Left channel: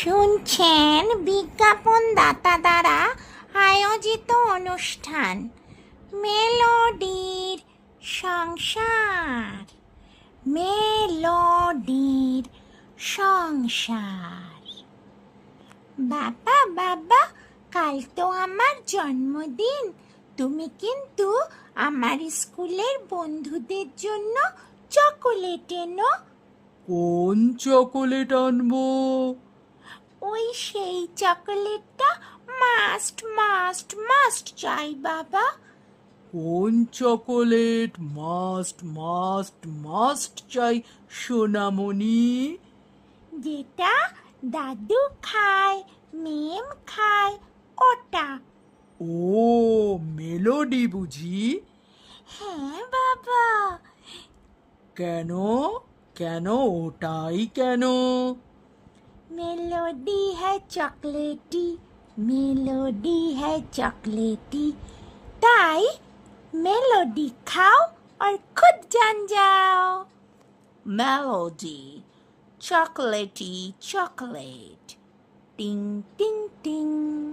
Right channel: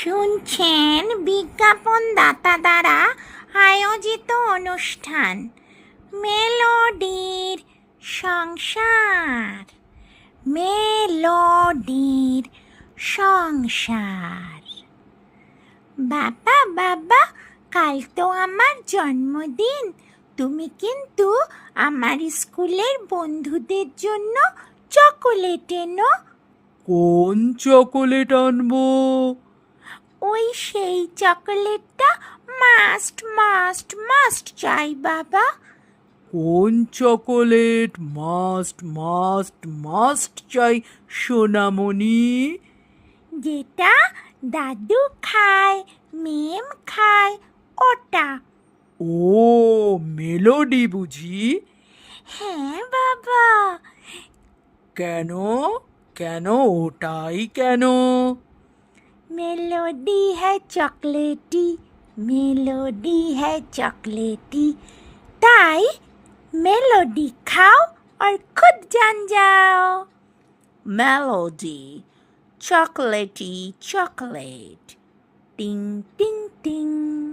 শুনছেন বিজ্ঞাপন দাতা দ্বারা আয়োজিত অনুষ্ঠান মেলোডির সংসার। মেলোডির সংসার। বাবা বাবা, কাল তো আমার জন্মদিন, তুমি কিন্তু আমার স্কুলের বন্ধুদের জন্য চকোলেট এনো। কোন চকোলেট আনবো? ওই সেই চকোলেটটা মাস্ট মাস্ট মাস্ট চাই বাবা। কোন চকোলেট মাস্ট মাস্ট মাস্ট চাই সোনামণি? যেটা দাদু খায়, মেম খায়, ওটা। ও, মেলোডি বুঝি? হ্যাঁ বাবা। কেন কেন ওটাই কেন? मेलोडी है चॉकलेटी, मेलोडी है चॉकलेटी, ताई मेलोडी खाओ और खुद जान जाओ। मेलोडी चॉकलेटी चॉकलेट, टिंग टिंग टिंग।